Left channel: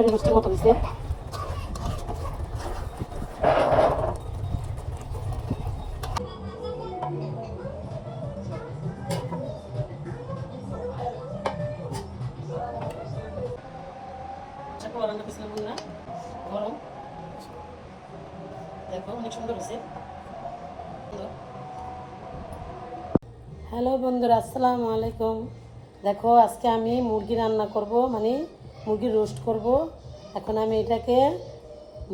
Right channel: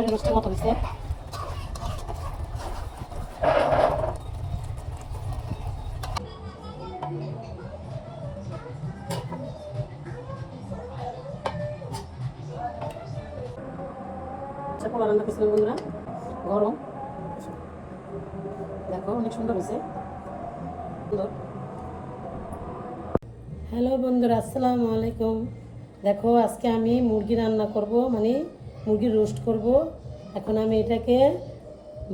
আমার রোস্টের মতো হয়েছে। রান্না করছিলাম বন্ধুরা, গরম দেখো অনেক সুন্দর হয়েছে। হ্যালো বন্ধুরা, আসসালামু আলাইকুম। দেখো আজকে আমি মুরগি রান্না করব, মানে মুরগির রোস্ট করব। এখন আমি এটাকে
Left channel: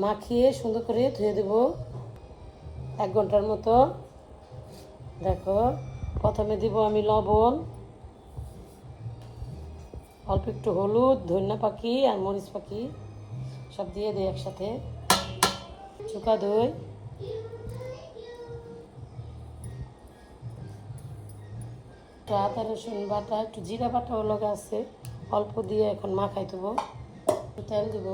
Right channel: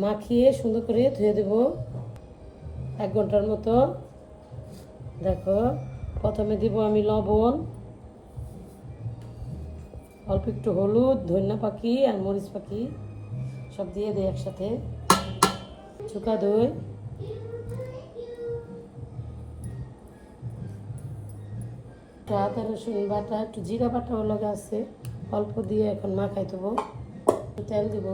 মাখিয়ে সুন্দর করে ধুয়ে দেব 1 ঘন্টার মতো। দেখো প্রথমে দিব আমি লবণ, অল্প একটু হলুদ, ধনিয়া পাখি আর মরিচ পাখি সব দিয়ে দিই একসাথে। শুকা দই, একটু আদা রসুন বাটা, একটু জিরা বাটাও লাগা আছে, অল্প দিয়ে এখন মাখাই দেবো। তেল দিব,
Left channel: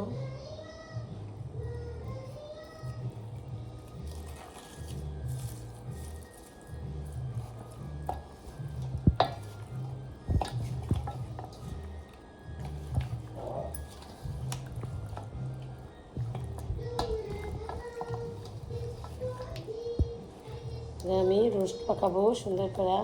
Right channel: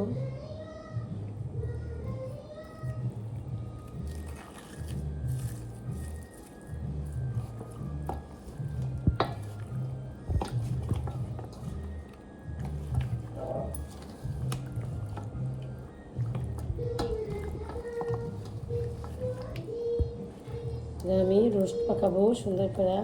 আমি রোস্ট পাকাবো সুন্দর করে।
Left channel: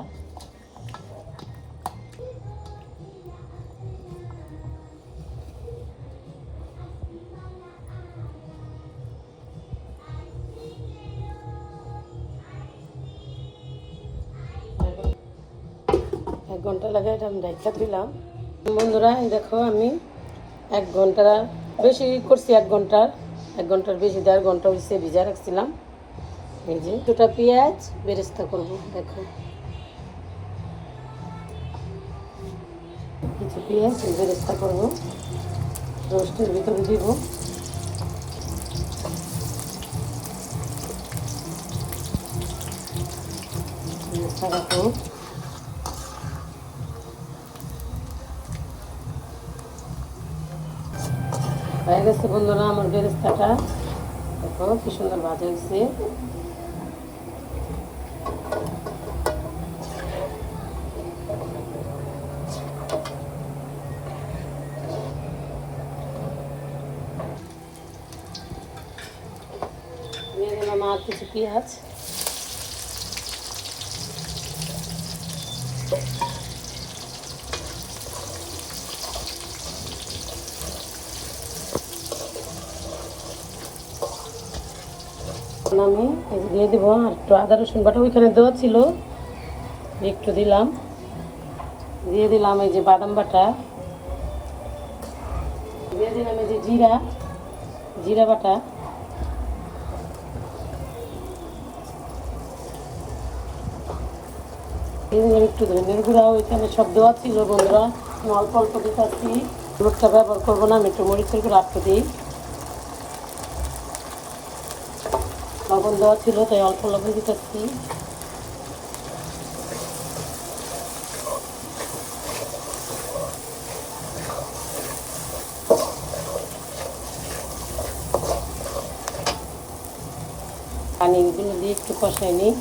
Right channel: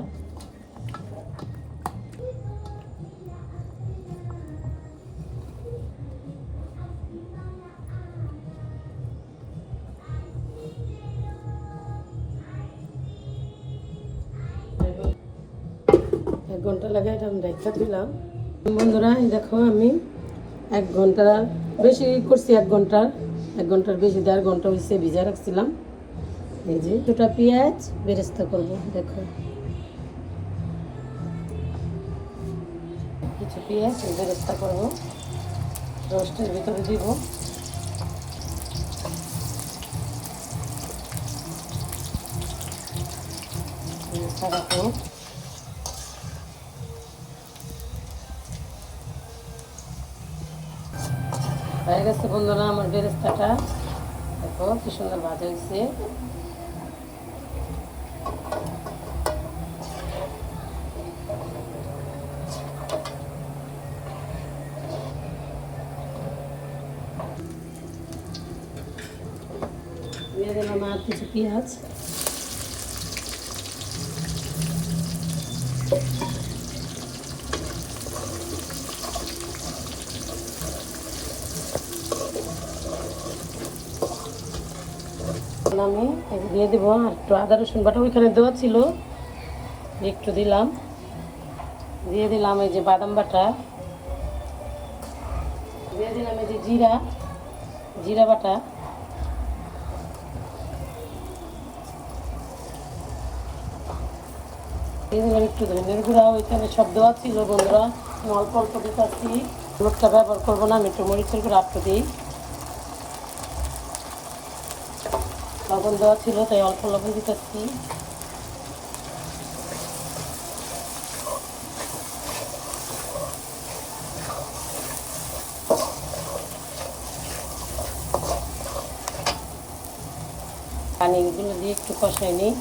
এক ঘন্টা লাগে এটা আমি রেখে দিলাম বন্ধুরা। এই দেখো আমি 1 ঘন্টা বেশি করছি, 1 ঘন্টার বেশি, 1.5 ঘন্টা হয়েছে ভিজা রাখছিলাম। এই যে দুটা পেঁয়াজ বেরেস্তা করবো, দেখো পেঁয়াজ বেরেস্তা করবো, রোস্টের ভিতরে দিব। রাখো হয়ে গেছে বন্ধুরা আমার বেরেস্তাটা। দেখো কি সুন্দর ভাজা হয়েছে। দিয়ে দিলাম আর কিছু পেঁয়াজ। দিয়ে দিব একটু আদা রসুন বাটা, ওইখানে দেওয়া ছিল একটু দিলাম। দিয়ে দিলাম এই যে বাদাম বাটা, দিয়ে দিলাম এই যে জিরা বাটা, দিয়ে দিলাম একটু ধনিয়ার গুঁড়া, ওইখানে সব দেওয়া ছিল বন্ধুরা। অল্প অল্প দিতেছি, হলুদটা ব্যবহার করবো না, আমি একটু মরিচের গুঁড়ো রাখতে দিই। লবণ দেওয়া ছিল তাই অল্প লবণ দিতেছি। পানিগুলো দিয়ে একটু কষাই নিই।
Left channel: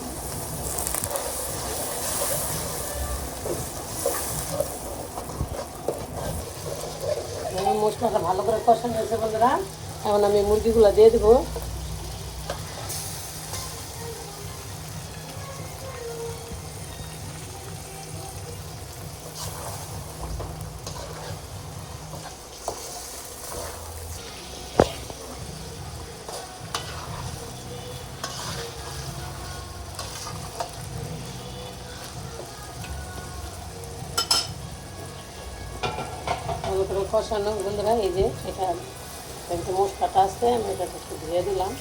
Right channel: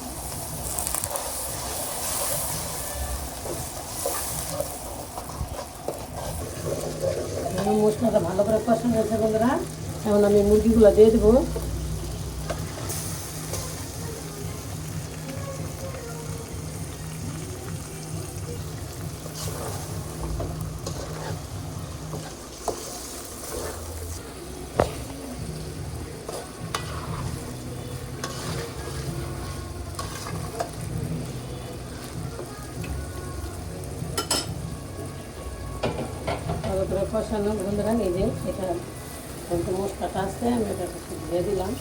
মশলাটা ভালো করে কষানো হয়েছে বন্ধুরা, এখন আমি মুরগিগুলো দিয়ে দেবো। কষানো বন্ধুরা, এই যে এটা মশলাটা আছে, আমি এটাকে দিয়ে দিলাম।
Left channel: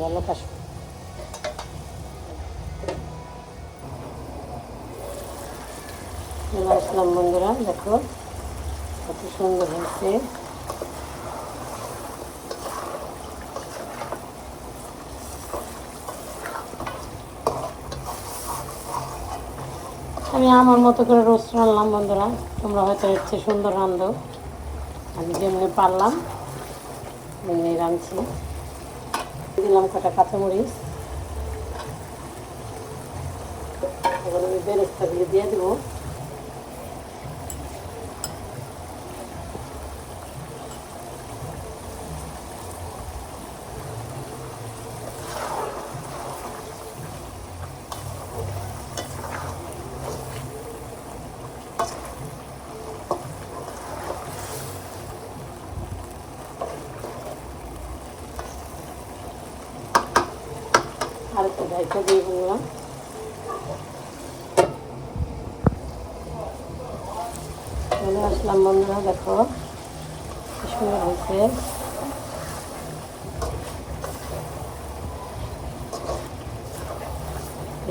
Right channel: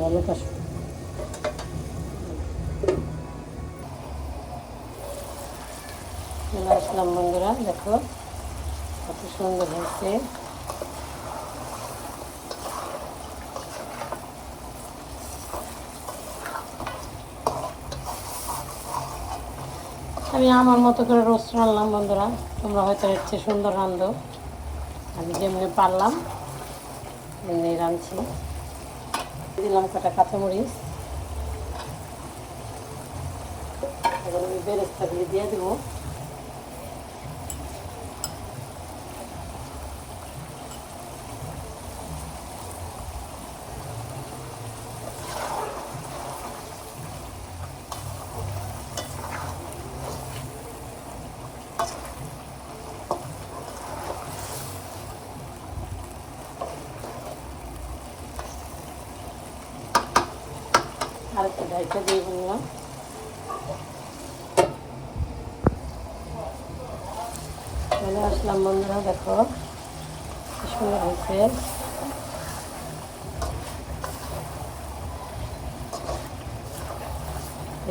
ভালো আসলাম বন্ধুরা, দেখো কত সুন্দর হয়েছে। আমি আমার মতো করে রোস্ট রান্নাম বন্ধুরা, তোমরা হয়তো ইচ্ছে সুন্দর রান্ধ, আমি যেমনি পারলাম এমনি রাঁধছি। দিলাম কাটা কাঁচামরিচ, এবার আমি বেরেস্তাগুলি দিয়ে দেবো। আর একটু ঢাইকা দিয়ে দিলাম। চলে আসলাম বন্ধুরা, দেখো কি সুন্দর হয়েছে।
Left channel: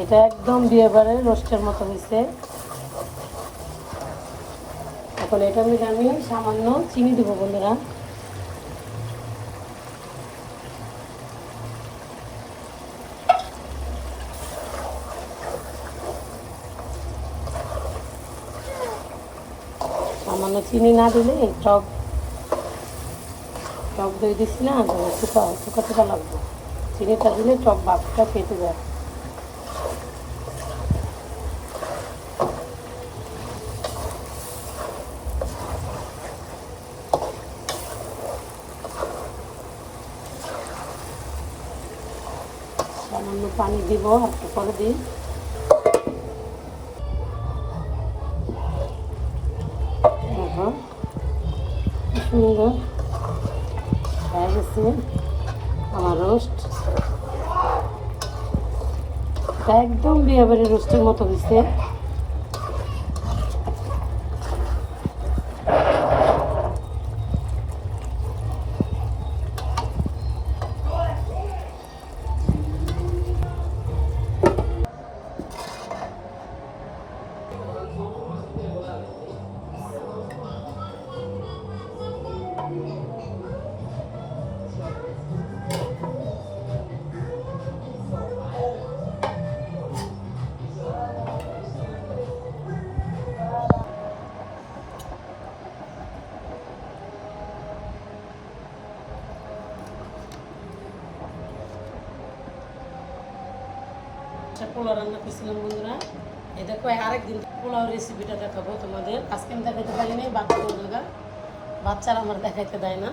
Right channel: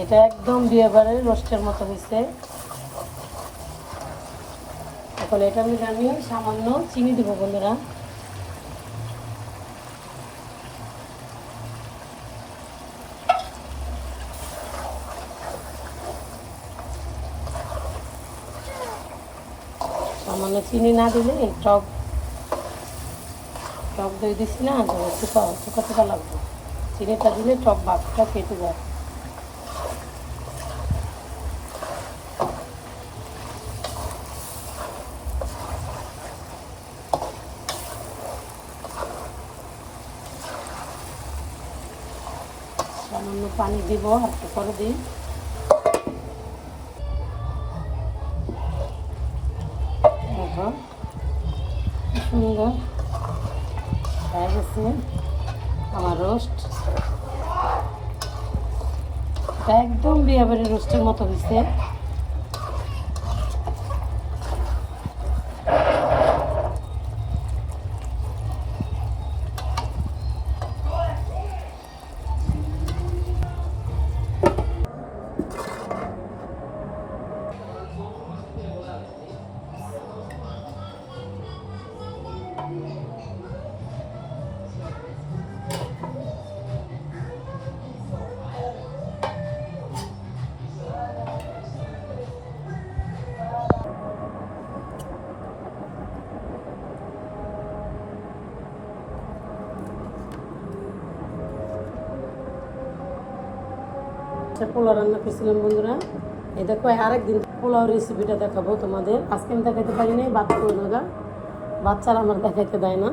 এটা একদম বিয়ে বাড়ির রোস্টের মতো হয়েছে। এখন এটার মধ্যে আমি সামান্য চিনি দেবো বন্ধুরা। সামান্য চিনি না দিলে টক দই দিচ্ছি না, শুকাতে লাগবে। চিনিটা দিলে টক ভাবটা কেটে যায়। সামান্য পানি দিব, একটু পরে দিই। দেখো সুন্দর হয়ে গেছে আমার রোস্ট। একদম বিয়ে বাড়ির রোস্টের মতো হয়েছে। পোলাও রান্না করছিলাম বন্ধুরা। এই দেখো আরেকদিন পোলাও রেসিপিটা দেখাবো তোমাদের। আজকে আমি দেখাতে পারিনি, বাচ্চারা আমার দেখাইতে দেয় না।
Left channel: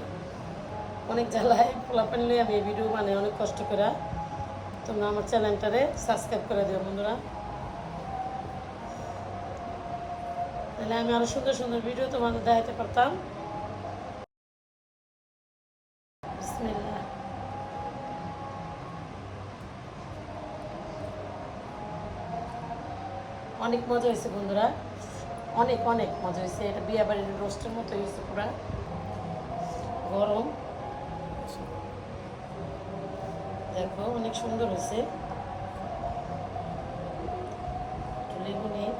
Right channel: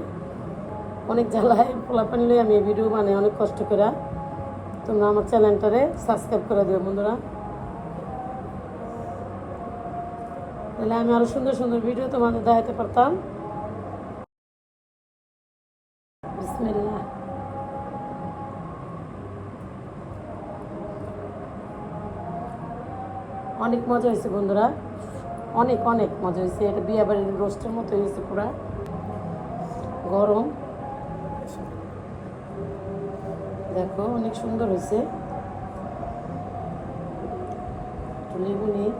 অনেক জ্বালায় পোলা পানলে আমি ভিডিও বানাই অনেক কষ্ট করে। তোমরা আমার চ্যানেলটারে সাবস্ক্রাইব করে দিও বন্ধুরা, তাহলে আমি আরো সুন্দর সুন্দর ভিডিও তোমাদের দেখাতে পারতাম। বিসমিল্লাহ। অনেক মজা হয়েছে বন্ধুরা, অনেক অনেক মজা হয়েছে। এটা বিয়ে বাড়ির রোস্টের মতো হয়েছে, পুরা গরম। দেখো অনেক সুন্দর হয়েছে। লেবু নিয়ে